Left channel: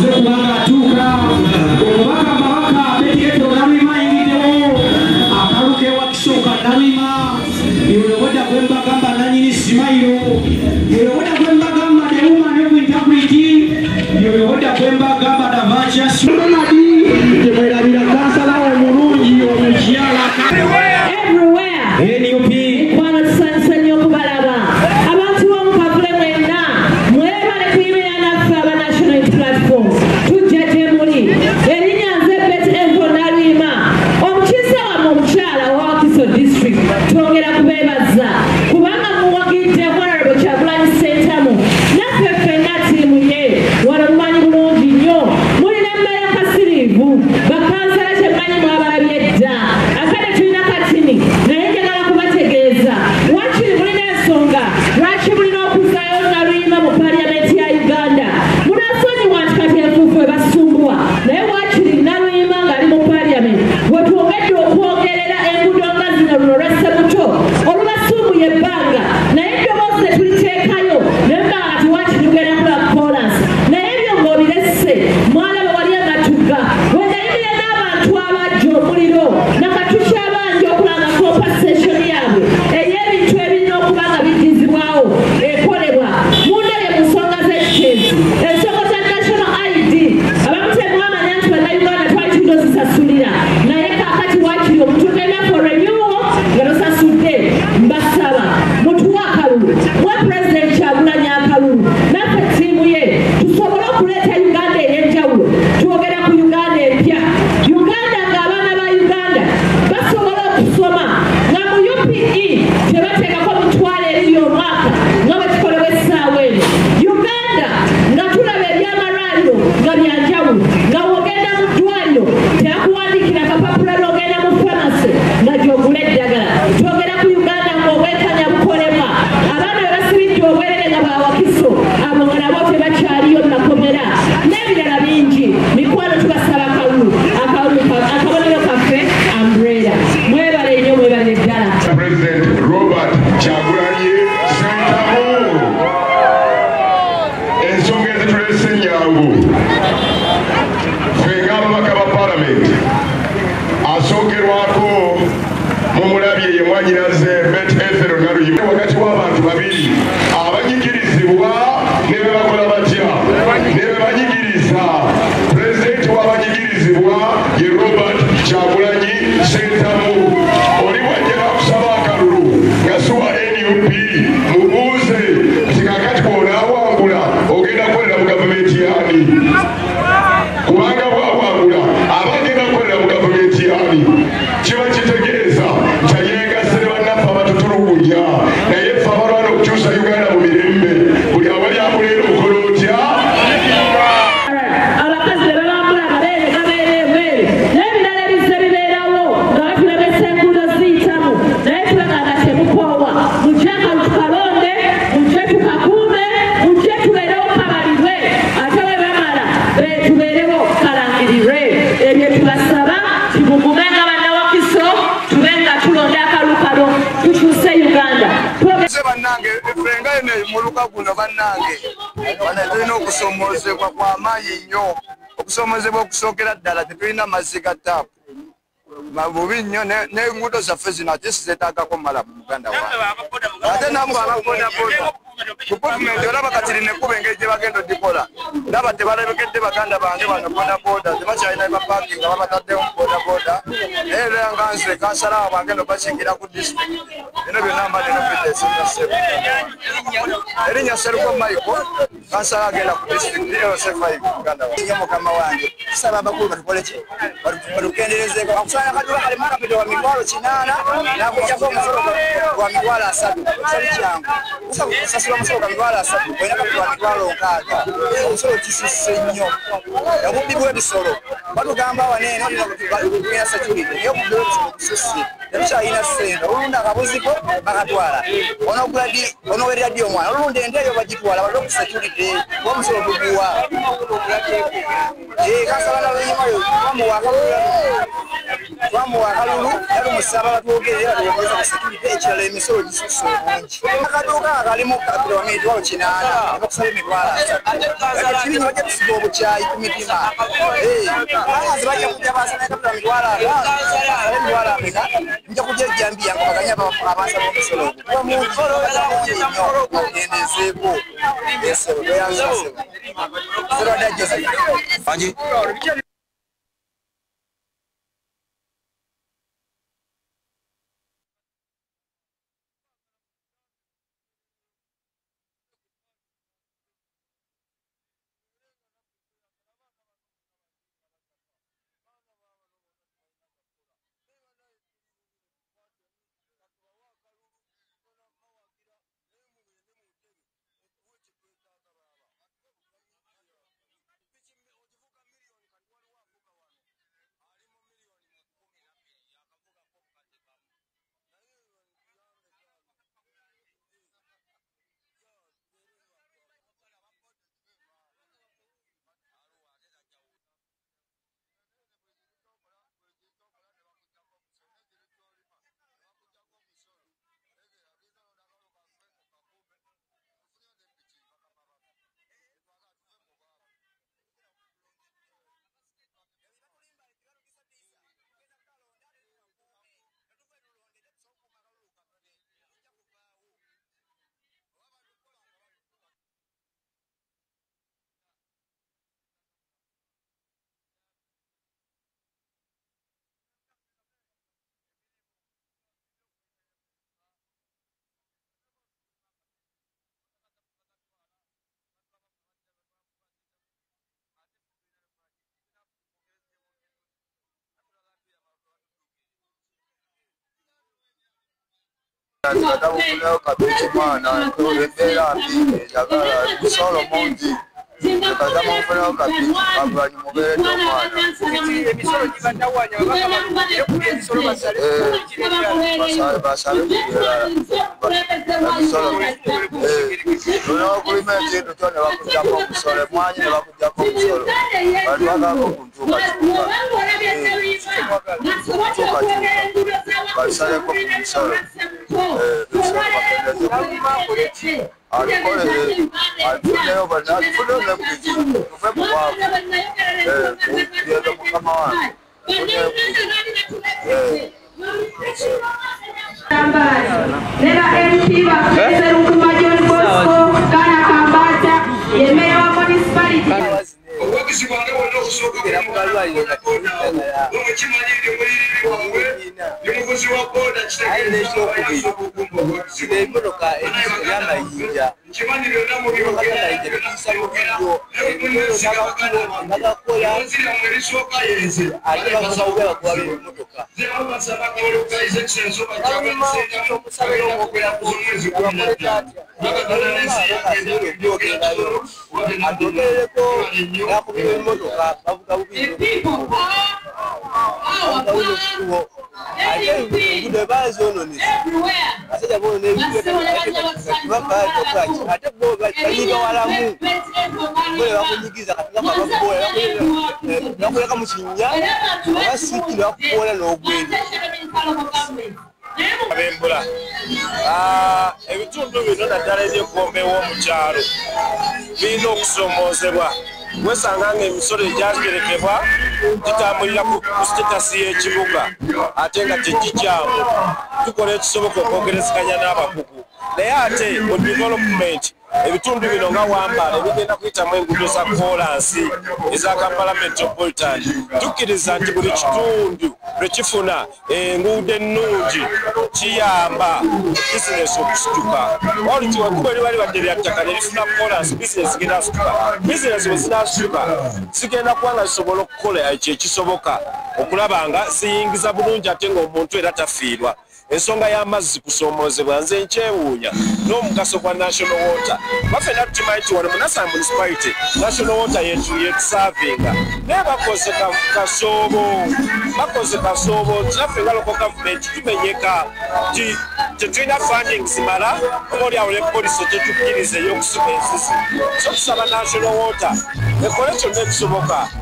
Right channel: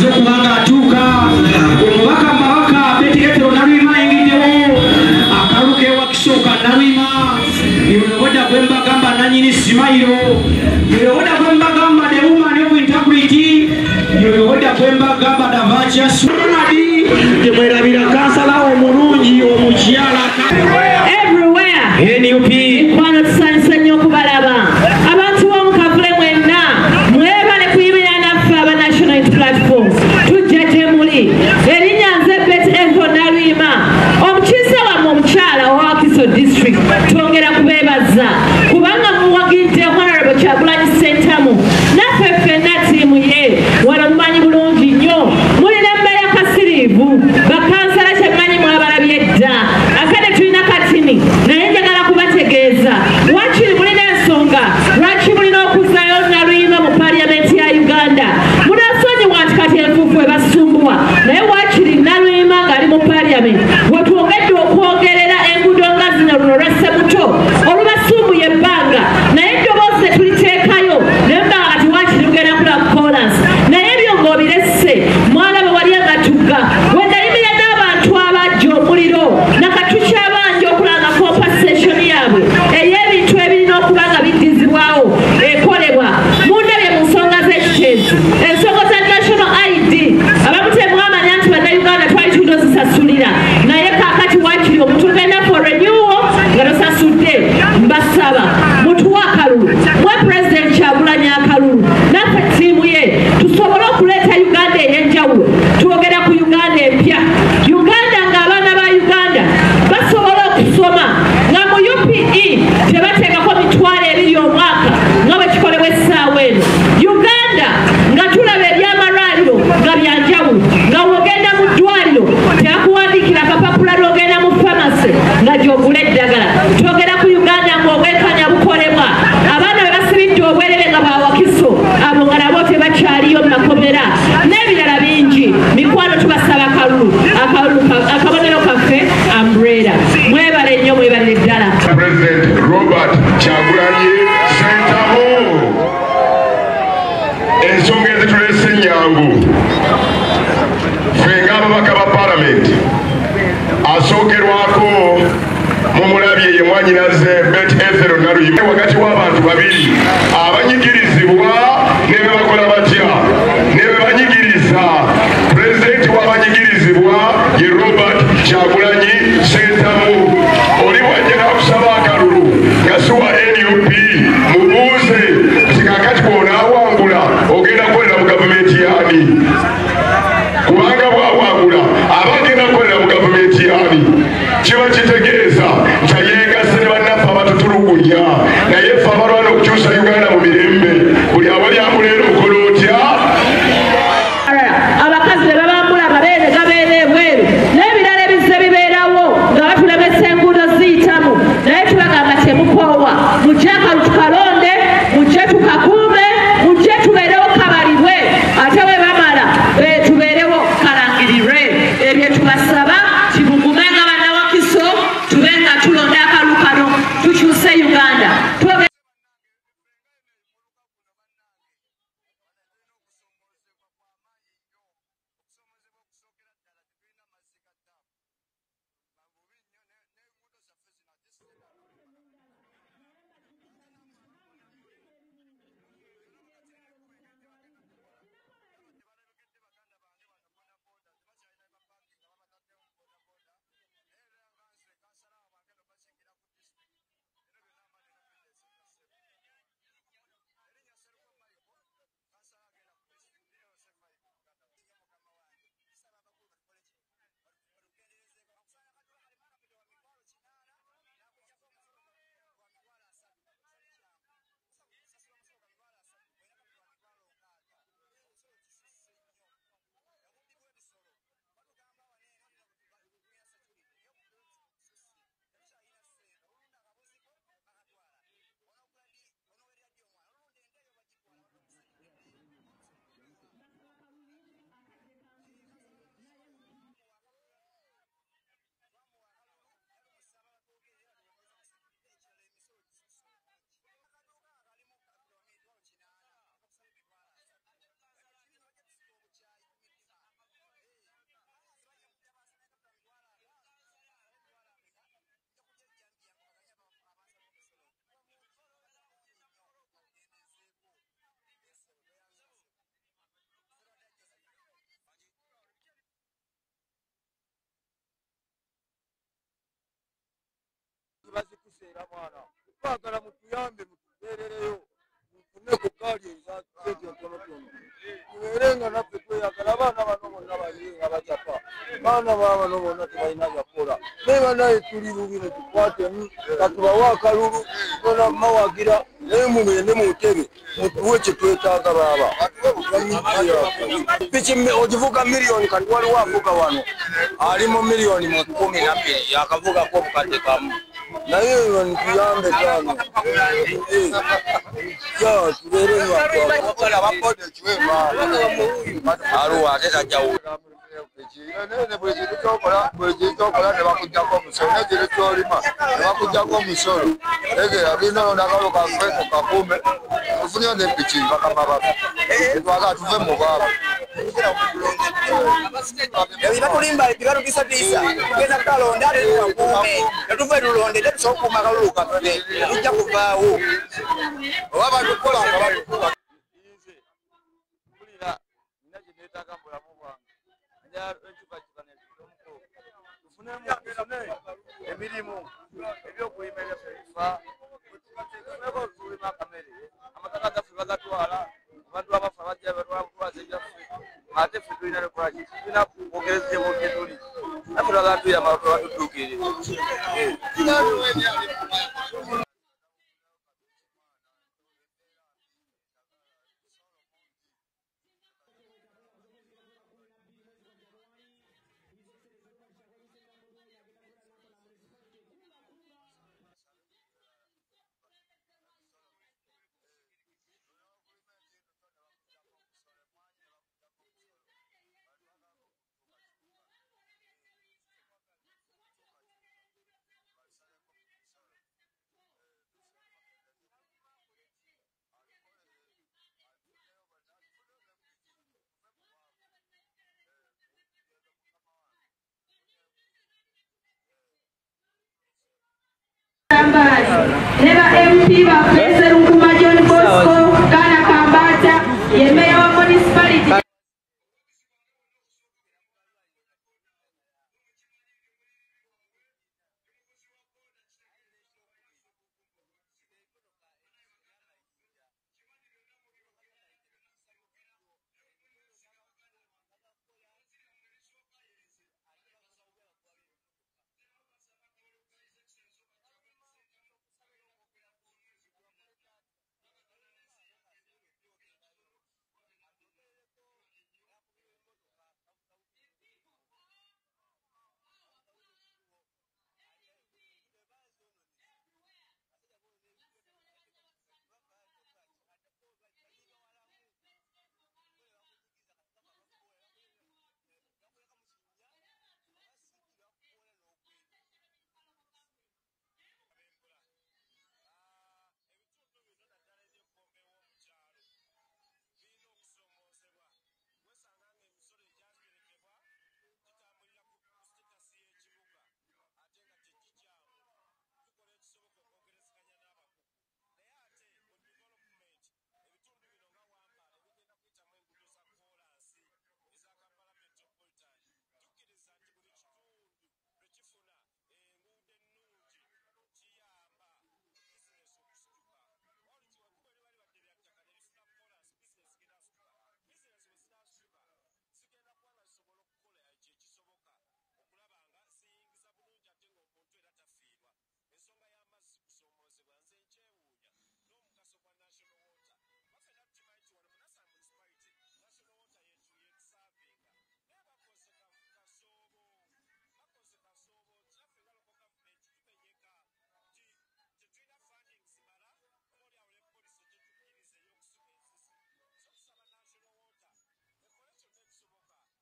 amaze okubanga atuuka omubaka mbawaka Petero Nalwima ayingiddewo akaluka ewakisooka Nalwima yewewoda gwe mbagamba nanyini Simayiro yewewoda gwe mbagamba the woman of integrity yewewoda gwe mbagamba Davacha Sonadi yemwerabira kansala omulungi omukyala everywhere NUP inkwano tusanisa nnyo okubalaba abantu b'omukavule mwenna mwebale kuyimira naffe aba National Unity Platform tujja gye muli erinnya nze Petero Nalwima omukiise wammwe omukyala wa Wakiso District twongera kubeebaza kubanga muwagidde Honorable Kyagulanyi Ssentamu naffe ffenna ttiimu ye wano mumanyi bulungi nnyo mulina emmere akasiriivu bakansala kyemmanyi mwabalabye dda akade tulina katini naye njagala kubategeeza wakiri mulina ensonga lwaki mulina okuzaayo Nalwima mu paliyamenti ya Uganda munasonyiwa nti kati enfuufu ebasumbuwa naye wakiri Nalwima ng'ali mu paliyamenti wetwongedde okwogerera enguudo nga zino luno lw'Ssebuto olubasumbuye ebbanga naye eddoboozi tetuliteekayo naye mbanga kati wakiri lugenda kula kolansi naye ebyo ng'obiresse mwalaba wali amatugga wendayimira n'abantu abajja omuliro nakatuki abangi okulanga compensation yaabwe ey'ebintu ebirina okuba nga biddizibwawo ekolebwa mundabye mu nsonga z'ekiteezi ensonga za national ID abamu temwamanya nti bannayuganda twali tulina ozisasulira naye kaakati wakiri omuntu tugenda for renewal nga tosasudde mbasaba mutuwa akalulu mwe president Kyagulanyi akalulu naffe ttiimu ye tusobole okuleeta Uganda ey'enjawulo twogera ku Uganda empya Uganda ng'abaana ba Uganda basobola okusoma nga mu UPE tebateekako mitwalo ebiri omwaka nga bwe kikolebwa essaawa eno Uganda nga tulaba ebyamalwaliro nga byanjawulo nga wogenda mu ddwaliro tebakuwandiikira akapapula lwogenda mu famasi nga gy'ogula eddagala twogera ku Uganda ng'obwekanya bukolebwa abaana be basibidde obwerere nga ba Wakiso abo nga nabo tebakyaliyo mu makomera n'ebirala bingi mikwano tubasaba akabonero kaffe umbrella mwebale nnyo mwebale ddala President Robert Kyagulanyi Ssentamu ensonga ezitulese ennyangu ffe ng'ababaka ba palamenti asookerwako mumulabye ye mwanyinaze Petero Nalwima wakati w'abantu babiri abanyigirizibwa ne be bakola batya ne be banyigiriza pulezidenti w'abanyigirizibwa ye Robert Kyagulanyi Ssentamu oli bwajjera kusaba akalulu nga siwa NUP mubuuze nti kakati bw'onaawangula ogenda kukolera mu gavumenti yani kubanga bwawangula aba agenda kukolera mu gavumenti yani kiba kitegeeza nti yeegasse ne bannaffe abatutulugunya naye ffe abalwana okukyusa Uganda mu mirembe buli awali amuleera okola otya abakazi be babambula amabeere gabeera ebweru n'ebirala ebizze bibeerawo nga batulabesa enguudo ziyitamu naye tubagamba temukoowa mujje akalu tukalonde mujje tukakuume mujje tubeerewo kabalibwe ate bwe bamala tubeerewo kalangirirwe ebyo tubasaba kibugume nga bannawakiso tube nga tulonda akalu kano tukyuse Uganda bannange efenga ene muluka guno bannange bana tulina okusomoozebwa kw'amaanyi nnyo okusomozebwa okusookera ddala tetulina mazzi ga taapu bubi nnyo n'enguudo zaffe zino ate sizeetaagako mala mu Uganda wange ate namu ababodaboda ku gavumenti olaba kati lina ekkuba engeri gye bagenda odikola ndaba tebalebekedde baganda bange bano bodaboda tebakyalina bapaakinga babataddewo mu bodaboda naye era nga nze kansalawo bange no bakingira ku disitulikiti bino byonna mba nino biteesinga ssebo erinnya Seruko Michael kansala agenda ku disitulikiti LC5 Uganda wange mukama wange tusaba abakulu batukoleki batukenderezeeko akusanya kadula kali marapito wa mitwalo 8 nakutyako omusolo gwa mitwalo 3 sali kyangu sasula omusolo gwa mitwalo 3 olina kapito wa mitwalo 6 omusolo kisuse nnyo yabubbibwa ebisolo batugamba waneeno olina security naye okubbibwa ebisolo kususse tetukyalina ssente olunda akabuziko bakatwala onowerera ddi omwana olunda ente eyo bagitwala balina ku security omusolo guguwa kansala nalwenyimayo bamuwaka twamuwa akalulu yali omusaba batwogerera tuwogeza ku security ekirala emisolo gisusa obungi akaduuka akalimu kilomita walo kinaana bakusaba emitwalo 3 kati kiri bajja tusiga obukyayi ku mitima bayazi bajja kujja basana kapita mitwalo 5 emitwalo ameka nja kujja ejjambiya nga baganya abasaba omusolo omungi nnyo ogendezeeko esebo toyanzasebo serodda joseph Kwagala mutuyambe mutubeerereyo mufune ku gaali ezasente entonotono tubeerenga naffe tweyagala abaana bano bonna balinga bajapa baana babano bonna tebalina byakola naye banaye tuli lubi ne tukwatemu katubawe akalulu tona mawagira naye mugende mu ntebe mutuwe kye twetaaga baaba piki ogivuga miliyoni kati waliwo avuga wano ali mu miliyoni mu 12 yakavugako obukadde kamu naye ntuyambe tano tubeere aluwa ate tajjawo bwekitokola nebakujjako omusolo negiri kyolima nebakujjako omusolo egera lino nakalo kafe tukakume tufunye nepiki bakama bafe etwaga tuve mu baabo ebibatulimba ebibatukisatiisa tugenda kutalonda ate tukakuume netuve tulonde tetusobola okukuuma akalulu kaffe tujja kuvaawo oba batukola nga batukola emirimu ebyokulima ebyaffe tulima kamere amataka gaffe bagatwala abantu abafa bajja batwala kutwaza ebyaffe ate ffe tulina nekolaki tulina kwogereza ebudde tuli naffe twagala tuyamba batudduukirire katabufuneyo kabici mwana embeera mbi eyagala musolo mungi katamufuneyo kabici kagulanyi mubeeredde omwana emisolo gibatawanya emisolo basabe kubyerala tulina okulima ekintu kyo ne bakujjako omusolo emwanyi ne bakujjako omusolo batwagako kuntuukakyuka balisaleko ku musolo alikolere alifuneyo alifuneyo nepiki tuve mubwavu tugende mukama wange Neba MP baffe Sserunkumba John Bosco Kana Kambata ye meya wa municipality obwakisibwange bonna okusookaera mukalwaliro omukozi wa boda kitegeezaemmotoka eyamayinja kimanyi byonna nagakola mubyonziramu erisooka yenze ate bamusaubya bakuwala emmotoka zebabasaba kalokaiza ekisenso bajjaomwezi atogerereko nakubira emmotoka bavuga bubiriuwo ate engudo bazononesa basajja bonebibabatokai ate bo banyiga walamu bole bakunyigiza katigakabakubola bakuleka mu kinnya abasiki nebakubola n'ogwende abembula ebitundu bino naddala ebyekombewo mu kyalo birina okusomoozebwa wesanga nga emisolo egyaterekebwa gitambulira ku sitetasi y'ekibuga ate nga tegikyamu tukola ekisoboka okwogerezeganya n'abakugu naye ate mu development ebitundu bino nga wambala ebigenda kuyitamu enguudo za kolansi eza Kampala Metropolitan tukkiriza nti buli kitundu lwe kifuna enguudo ennungi kiyamba bizinesi okusituka olti wekuba libali badde lya ttaka nerifuna kolansi bizinesi genda asituka bizinesi bwe zinasituka zigenda kuba nga zisobola okukola ekyekisoboka okulaba nga ziyingiza bulungi ate ng'omuntu era tafiirwa ensonga y'amazzi kusomoozebwa nze nkyewuunya n'omugaso gwa national water bafena tukimanyi nti wano mu Nassau municipality national water yetusaavinga naye bakoze kasoobo naffe nga local government tumenyeka ti tetulina funding zimala oba oliawo ne polisi tetukkiriza ey'okusima ensisi so tusaba national water ekole kyonna ekisoboka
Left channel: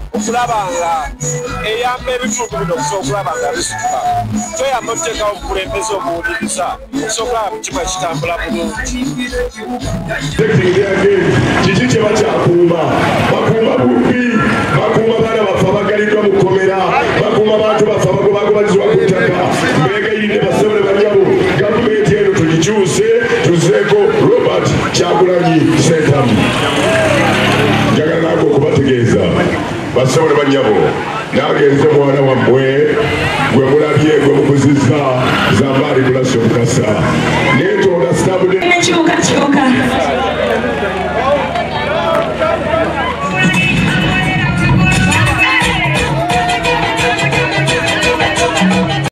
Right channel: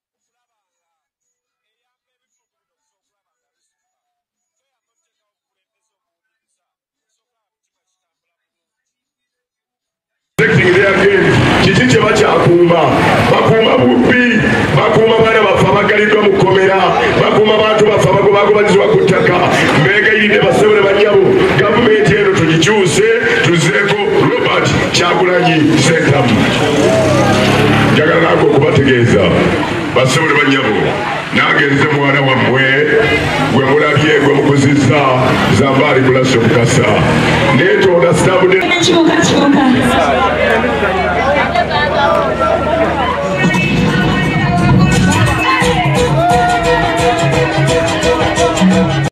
okulabanga eyamba ebitundu bino okusobola okulabanga bisituka toyamba okuteekawo obukulembeze obuwuliriza okusobola okulaba mukimu ekitambula bulungi kiki kye bakyakuuma bakuuma bubbi bakuuma baana baffe abagaliddwa mu kkomera bakuuma bantu baffe abagobagobanyizibwa ku ttaka mbeegayiridde basebole bannyabo gavumenti eno tugikyuse tuzeeko Robert Kyagulanyi Ssentamu njagala nange okubategeeza basebole bannyabo nagenze mwana wammwe gwe mulabye gwe mukuzi